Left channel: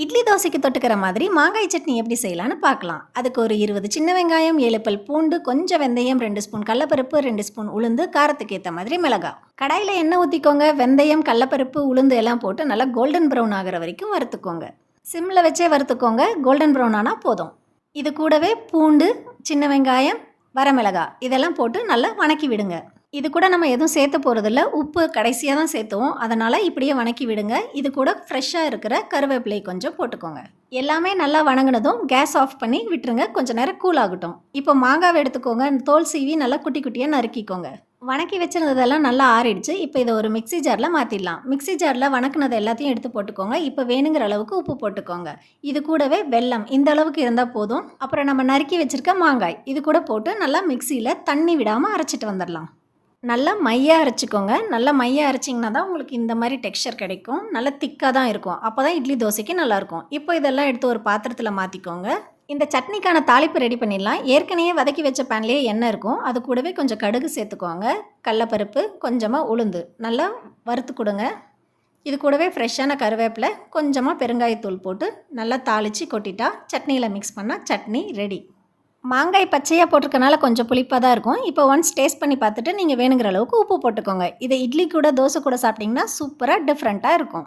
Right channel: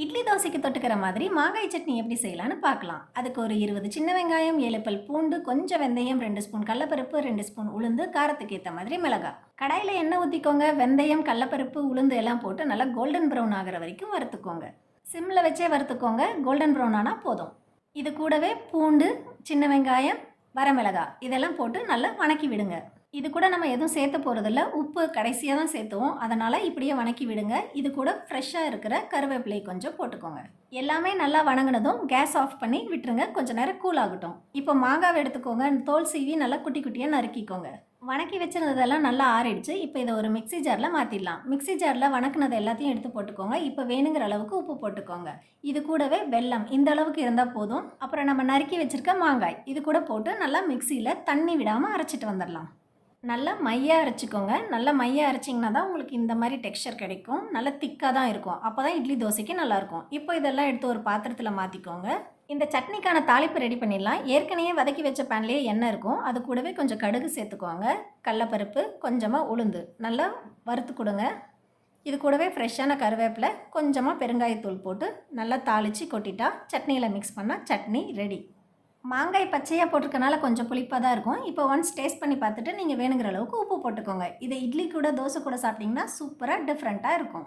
இட்லி தோசைக்கு தொட்டுக்கிற மாதிரி மாங்காய் சட்னி எப்படி செய்யலான்னு பார்க்கலாம். அதுக்கு ஒரு 20 சின்ன வெங்காயம், 7 பல் பூண்டு, கொஞ்சம் வெந்தயம், 2 ஸ்பூன் கடலப்பருப்பு, 2 ஸ்பூன் உளுந்து, காரத்துக்கு ஏத்த மாதிரி மிளகாய். கடாயில எண்ணெய் ஊத்திக்கோங்க. வெந்தயம், கடலப்பருப்பு, உளுந்து எல்லாம் போட்டு நல்லா கோல்டன் ப்ரௌன் ஆகுற வரைக்கும் வறுத்துக்கோங்க. சிம்ல வச்சே வறுத்துக்கோங்க. கோல்டன் ப்ரௌன் ஆனா போதும். இது கூடவே பூண்டு, சின்ன வெங்காயம், வரமிளகாய் இதெல்லாம் போட்டு நல்லா வணக்கி விடுங்க. இது கூட நம்ம எதுவும் சேர்த்த போகிறதில்ல. உப்பு கடைசியாக தான் சேர்த்துவோம். அதனால் இப்படியே வணக்கி விடுங்க. இது கூட ஃப்ரெஷ்ஷாக இருக்கிற கருவேப்பிலை கொஞ்சம் போட்டுக்கோங்க. எல்லாமே நல்லா வணங்கினதும் கேஸ் ஆஃப் பண்ணி விட்டுருங்க. கொஞ்சம் நேரம் கூல் ஆகட்டும். இப்போ மாங்காவை எடுத்துக்கோங்க. தோல் சீவி நல்லா குட்டி குட்டியாக நறுக்கிக்கோங்க. வணக்கி வச்சுருந்ததெல்லாம் நல்லா ஆறிடுச்சு. இப்போ இதை ஒரு மிக்ஸி ஜாரில் மாற்றிடலாம். மிக்ஸி ஜாரில் வணக்கினது எல்லாத்தையும் எடுத்து போட்டுக்கோங்க. இப்போ வேணுங்கிற அளவுக்கு உப்பு போட்டுக்கோங்க. இது கூடவே வெல்லம் இந்த அளவுக்கு இருந்தால் போதும். அப்புறம் நம்ம நறுக்கி வச்சுருக்க மாங்காய் இது கூட போட்டு நல்லா மிக்ஸியில் தண்ணி விடாமல் அரைச்சிட்டு வந்துடலாம். நல்லா மையாக அரைச்சிக்கோங்க. நல்லா மையாக அரைச்சிங்கன்னா தான் உங்களுக்கு இந்த மாதிரி டெக்ஸ்சர் கிடைக்கும். நல்லா திக்காக தான் இருக்கும். அப்போ தான் இட்லி தோசைக்கு நல்லாயிருக்கும். இப்போ இதெல்லாம் எடுத்து ஒரு பாத்திரத்தில் மாற்றிக்கோங்க. இந்த சட்னிக்கான தாளிப்பு ரெடி பண்ணிடலாம். ஏற்கனவே வதக்கி வச்ச பேன்லேயே எண்ணெய் இருக்கும். அது கூடவே கொஞ்சம் கடுகு சேர்த்துக்கோங்க. கடலப்பருப்பு, கொஞ்சமாக உளுந்து நல்லா வறுத்து கொடுங்க. இது கூடவே ஃப்ரெஷ்ஷான கருவேப்பிலை, கொஞ்சமாக பெருங்காயத்தூள் போட்டு நல்லா தாளித்து கொட்டிட்டா சட்னியில் மிக்ஸ் பண்ணால் சட்னி ரெடி. மாங்காய் பச்சையாக போட்டிருக்கனால கொஞ்சம் புளிப்பாக தான் இருக்கும். இப்போ ஒன்ஸ் டேஸ்ட் பண்ணி பார்த்துட்டு நீங்கள் வேணுங்கிற அளவுக்கு உப்பு போட்டுக்கோங்க. இதை இட்லி கூட தோசை கூட சாப்பிட்டிங்கன்னா சூப்பராக டிஃப்ரெண்ட்டாக இருக்கும்.